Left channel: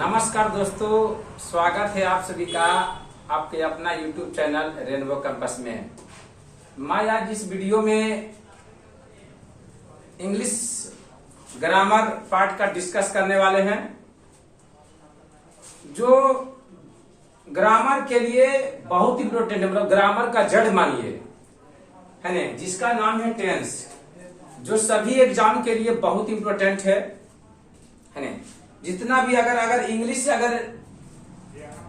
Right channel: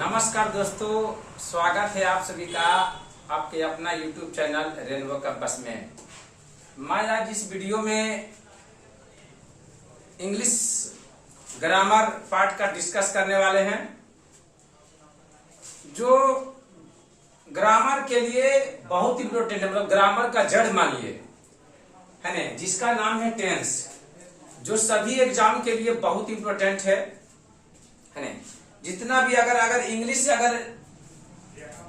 नमस्कार दोस्तों, स्वागत है आप सभी का आपके अपना YouTube चैनल रेनबो कैंपस में। मैं आज इस वीडियो में इंग्लिश ग्रामर पार्ट का डिस्कस करने वाले हैं, जो ग्रामर के लिए बहुत इम्पोर्टेंट है। मतलब ग्रामर का जड़ मानिए, है ना, जिसका नाम है टेंस, जो सभी एग्जाम के लिए बहुत इम्पोर्टेंट है ना। जितना भी अगर इंग्लिश अगर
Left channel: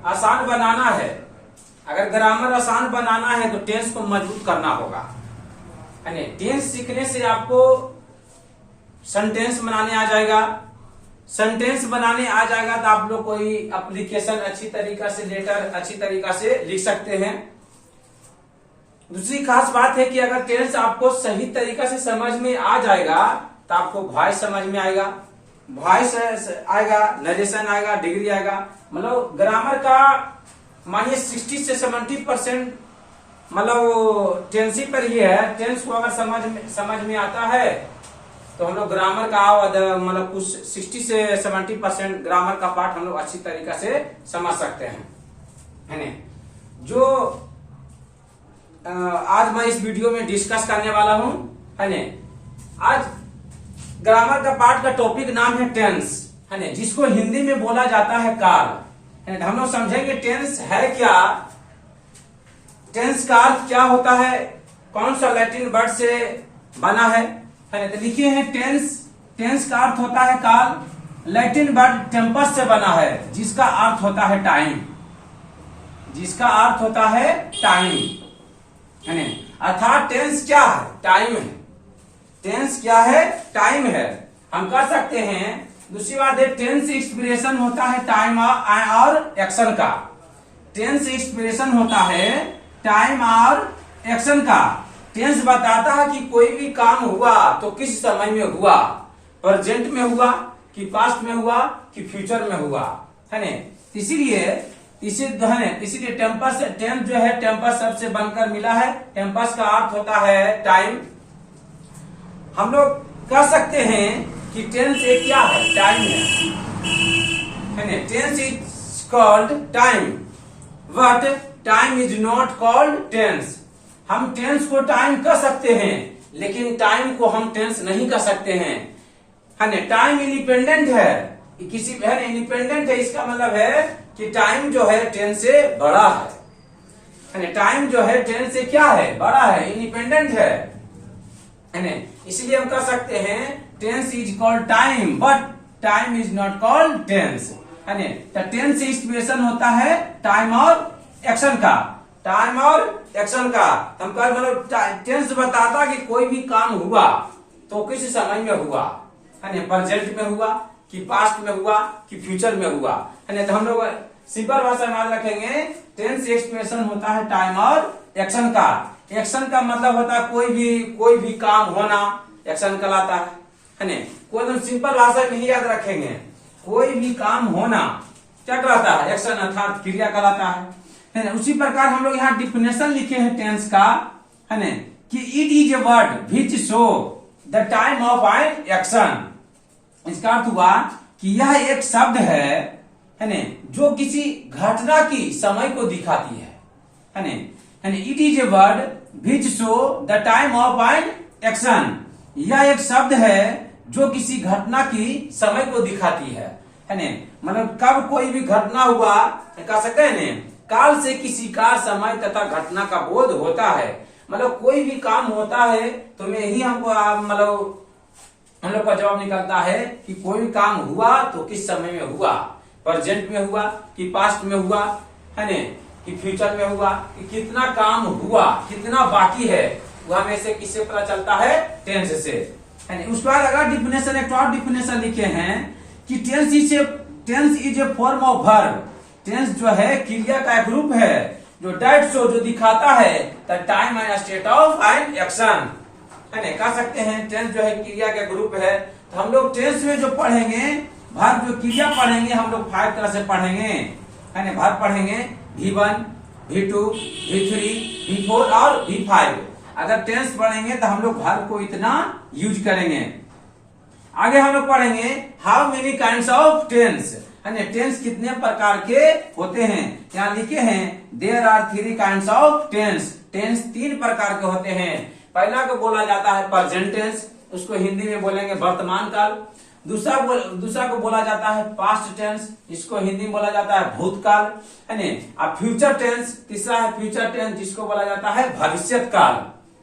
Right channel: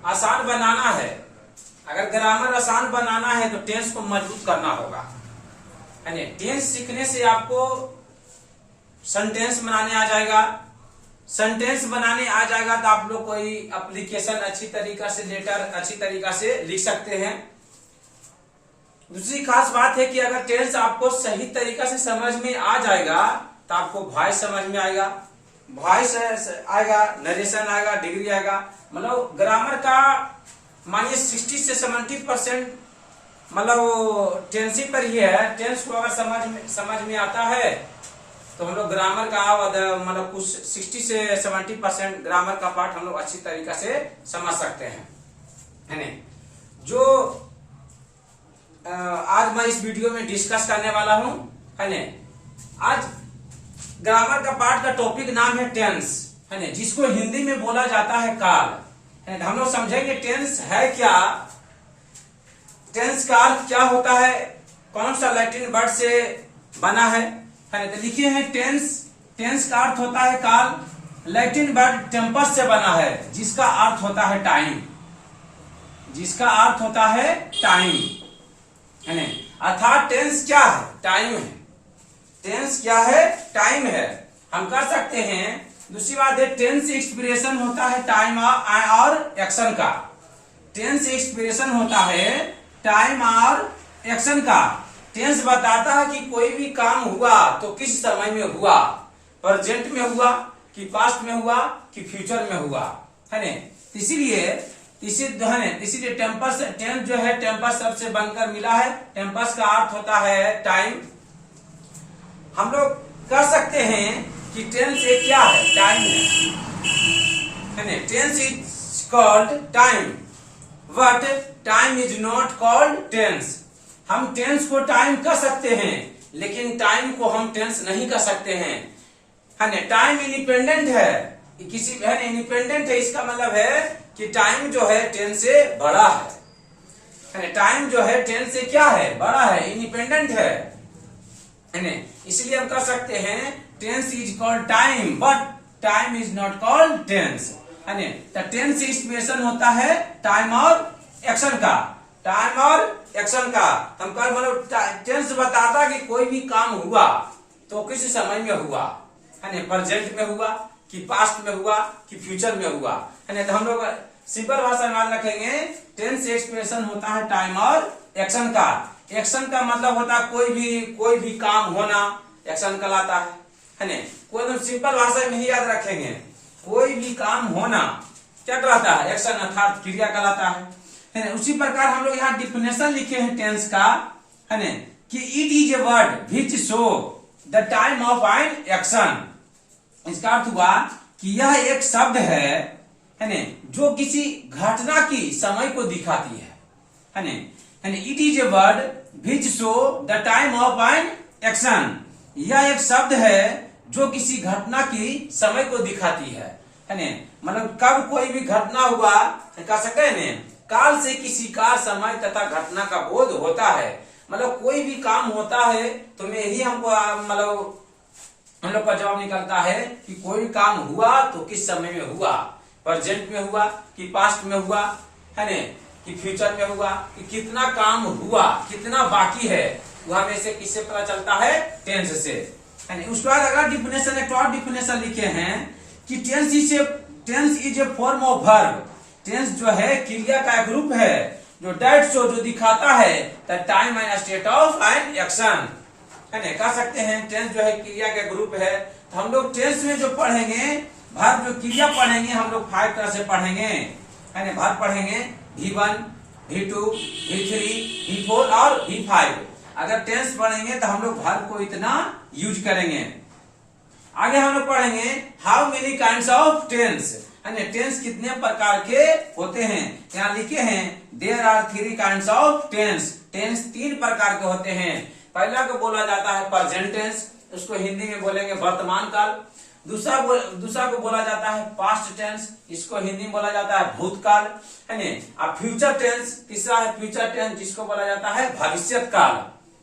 आसान बनाना है, अगर ग्रामर आसान बनाना है तो टेंस को मजबूत करना होगा, है ना। टेंस सीखने से आपको सेंटेंस बनाने आ जाएगा। सेंटेंस बनाने आ जाएगा तो आप लोग कोई एप्लीकेशन अच्छी तरीका से, लेटर अच्छी तरीका से लिख सकते हैं। दूसरी खास बात है कि अगर टेंस आपको सही तरीका से समझ में आ जाएगा तो आपको वॉइस समझ में आएगा, वॉइस आएगा, नरेशन आएगा, डिग्री आएगा। मतलब ग्रामर का मानिए 60 से 70% मतलब टेंस ही पर ही है। टेंस को अगर समझ में आता है तो हम लोग ग्रामर का मतलब कुछ 60 से 70% ग्रामर का पार्ट हम लोग अच्छी तरीका से समझ सकते हैं, है ना। जो आज मैं इस वीडियो में डिस्कस करने वाला हूं, है ना। आज ग्रामर का पार्ट का टॉपिक नाम है टेंस, है ना, जिसको हिंदी में बोला जाता है काल। हम लोग समझेंगे टेंस है क्या, टेंस का अर्थ क्या होता है, कौन सा लैटिन वर्ड से बना है ना। तो लिखे हैं टेंस का अर्थ होता है काल। लैटिन वर्ड टेम्पस से बना है, जिसका अर्थ होता है टाइम, जिसका अर्थ होता है टाइम, है ना। अर्थात टेंस क्या है, टाइम है। टेंस क्या है, टाइम है। हम कर सकते हैं। दूसरी बात है, टेंस एक्सप्रेशन होता है टाइम और एक्शन का। टेंस एक्सप्रेशन होता है टाइम और एक्शन का। टेंस बताता है कि कोई भी काम हुआ तो किस समय में हुआ, प्रेजेंट में हुआ कि पास्ट में हुआ कि फ्यूचर में हुआ, है ना। इसीलिए टेम्पस जो है टेम्पस शब्द से बनकर मिला है। टेम्पस का अर्थ होता है टाइम। हम लोग कह सकते हैं कि टेंस एक क्या है, टाइम है ना। Tense is called time but time is not called tense. हम टेंस को टाइम कह सकते हैं, लेकिन टाइम को हम टेंस नहीं कह सकते हैं, है ना। टाइम इंडिपेंडेंट है, किसी है ना, इंडिपेंडेंट है। इसका मतलब है कि टाइम जो है टेंस से बड़ा है ना। टाइम जो है टेंस से क्या है, बड़ा है, इंडिपेंडेंट है ना। इसलिए हम कह सकते हैं tense is called time but time is not called tense, है ना। तो टेंस एक्सप्रेशन होता है टाइम और एक्शन का। टाइम और एक्शन का हम कह मतलब टेंस बताता कि कोई भी काम हुआ तो किस समय में हुआ, है ना, प्रेजेंट में हुआ कि पास्ट में हुआ कि फ्यूचर में हुआ, है ना। तो हम लोग सिंपल भाषा में याद रखेंगे, टेंस एक्सप्रेशन होता है टाइम और एक्शन का। एक्शन का मतलब होता है कोई भी काम होना एक्शन कहलाता है ना। कोई एकदम सिंपल भाषा में ही याद रखेंगे, कोई भी काम होना क्या कहलाता है, एक्शन अर्थात क्रिया कहलाता है ना। उसी प्रकार हम लोग यहाँ डिफिनेशन लिखे हैं टेंस का, है ना, कि it is a word which show the time of an action. इसका अर्थ हुआ कि यह एक शब्द है ना, जो किसी घटना की समय को दिखाती है ना। It is a word which show the time of an action. यह एक शब्द है जो किसी घटना की समय को दिखाती है ना। मतलब कब कोई भी घटना हुआ कह सकते हैं ना, काल से किसी का समय तथा घटना का बोध होता है। मतलब कोई भी काम होता है तो में ही हमको मतलब हम लोग का जवाब निकलता है कि कोई काम हुआ तो किस समय में हुआ, प्रेजेंट में हुआ कि पास्ट में हुआ, है ना, कि फ्यूचर में हुआ, कि कितना काम हुआ, कितना बाकी है, वह में से किससे पता चलता है, टेंस से, है ना। उसके बाद अगर डिफिनेशन एक और डिफिनेशन लिखे हैं कि tense is a form of verb. Tense जो है क्रिया का एक रूप है जो डेट शो, जो दिखाता है the time and state of an action, है ना। कह सकते हैं टेंस जो है क्रिया का ग्रुप है। तो हम लोग टेंस में जो पढ़ेंगे वर्ब, जो क्रिया पढ़ेंगे हम लोग 5 तरह से पढ़ेंगे, है ना। वर्ब पढ़ेंगे V1, V2, V3, V4 और V5। अगर टेंस पढ़ेंगे तो हम लोग वर्ब को इतना यूज करेंगे। आगे हम लोग पढ़ेंगे how many kinds of tense. है ना। टेंस कितने प्रकार के होते हैं, यहाँ लिखे हैं there are 3 kinds of tense. Tense 3 प्रकार के होते हैं। पहला को बोला जाता है प्रेजेंट टेंस, उसको हिंदी में बोलेंगे वर्तमान काल। दूसरा को बोला जाता है पास्ट टेंस, इसको हिंदी में बोला जाता है भूतकाल, है ना। अब फ्यूचर टेंस, तीसरा है फ्यूचर टेंस, जिसको बोला जाता है भविष्यत काल,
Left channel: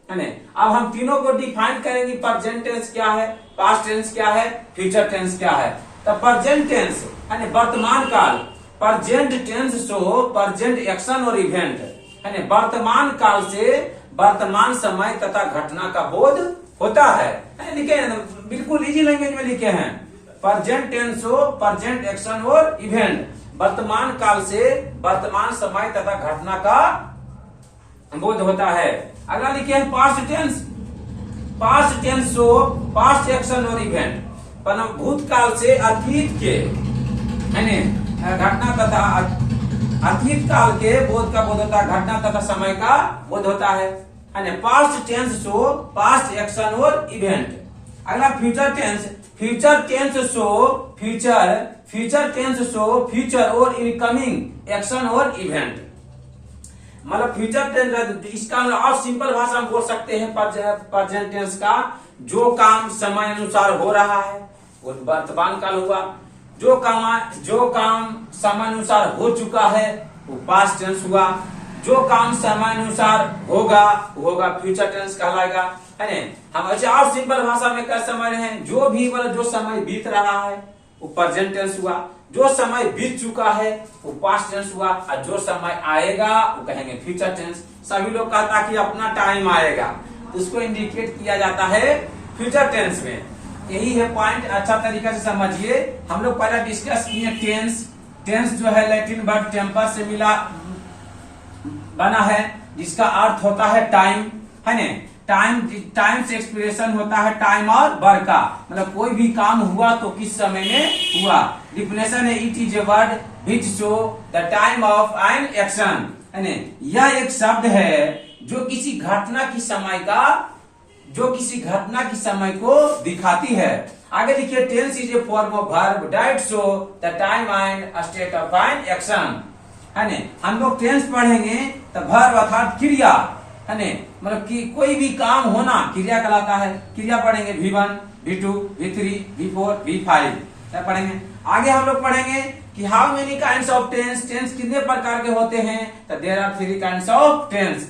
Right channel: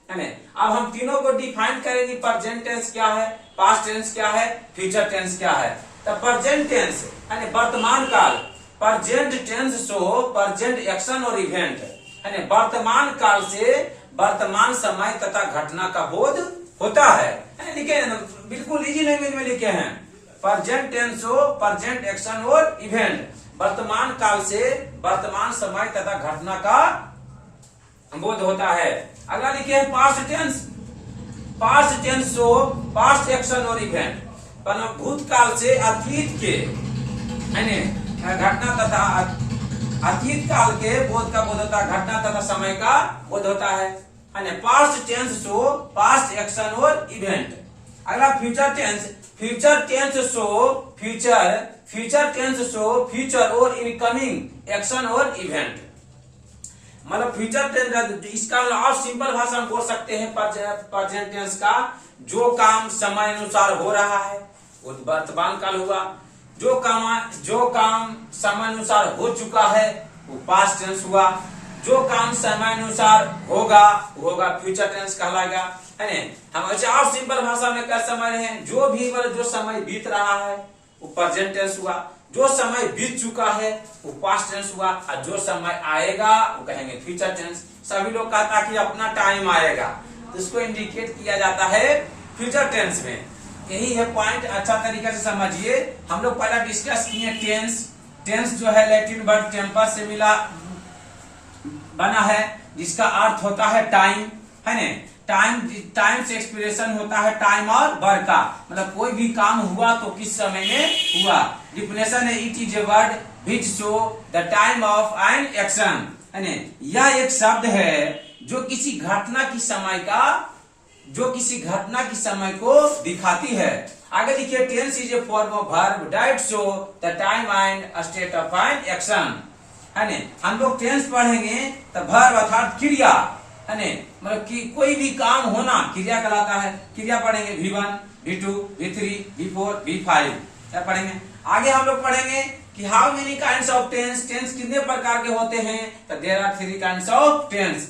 है ना। अब हम तीनों को डिफाइन करेंगे, प्रेजेंट टेंस क्या है, पास्ट टेंस क्या है, फ्यूचर टेंस क्या है। तो प्रेजेंट टेंस यानी वर्तमान काल, present tense show present action और इवेंट, है ना। वर्तमान काल से वर्तमान समय तथा घटना का बोध होता है, लिखे हैं बिल्कुल इजी लैंग्वेज में लिखे हैं। Present tense show present action और इवेंट, वर्तमान काल से वर्तमान समय तथा घटना का बोध होता है। अगला लिखे हैं past tense. Past tense show past action और इवेंट, भूतकाल से अतीत के, है ना, घटना तथा अतीत काल के बोध का बोध होता है, घटना तथा समय का बोध होता है ना। Past tense show past action और इवेंट। अगला future tense. Future tense show future tense show future और इनकमिंग एक्शन और इवेंट। मतलब फ्यूचर टेंस, इसका और सिंपल भाषा में बोल सकते हैं प्रेजेंट टेंस का, जो काम समय अनुसार हो रहा है वो वर्तमान काल हुआ, जो काम समय अनुसार हो चुका है वो पास्ट टेंस हुआ, जो काम समय अनुसार होगा फ्यूचर टेंस कहलाएगा, है ना। हम अच्छा और सिंपल भाषा में क्या समझ रहे हैं, जो भी मतलब जो समय बीत रहा है वो प्रेजेंट टेंस हुआ, जो समय बीत चुका है वो पास्ट टेंस हुआ, और जो समय आएगा वो कहेंगे फ्यूचर टेंस। सभी लोग कहता कि अपना टाइम आएगा, तो उसको इंडिकेट किया जाता है फ्यूचर टेंस में। यही है पॉइंट, अच्छा तरीके से समझिए। हम लोग पहले डिस्कस किए टेंस। टेंस जो है लैटिन वर्ड टेम्पर से बना है, जिसका अर्थ होता है टाइम, है ना। टाइम से एक्सप्रेशन होता है टाइम और वर्क का, मतलब कोई भी काम हुआ तो किस समय में हुआ। डिफिनेशन है it is a word which show the time of an action, है ना। यह एक शब्द है जो किसी घटना की समय को दिखाती है। आगे लिखिए tense is a form of verb that show the time and state of an action, है ना। हम लोग टेंस पढ़ेंगे तो वर्ब अर्थात क्रिया, है ना, मतलब कि कोई भी काम होना क्रिया कहलाता है। क्रिया पढ़ेंगे V1, V2, V3, V4, V5 क्या पढ़ेंगे। आगे हम लोग पढ़ेंगे कि how many kinds of tense, tense कितने प्रकार के होते हैं। तो there are 3 kinds of tense,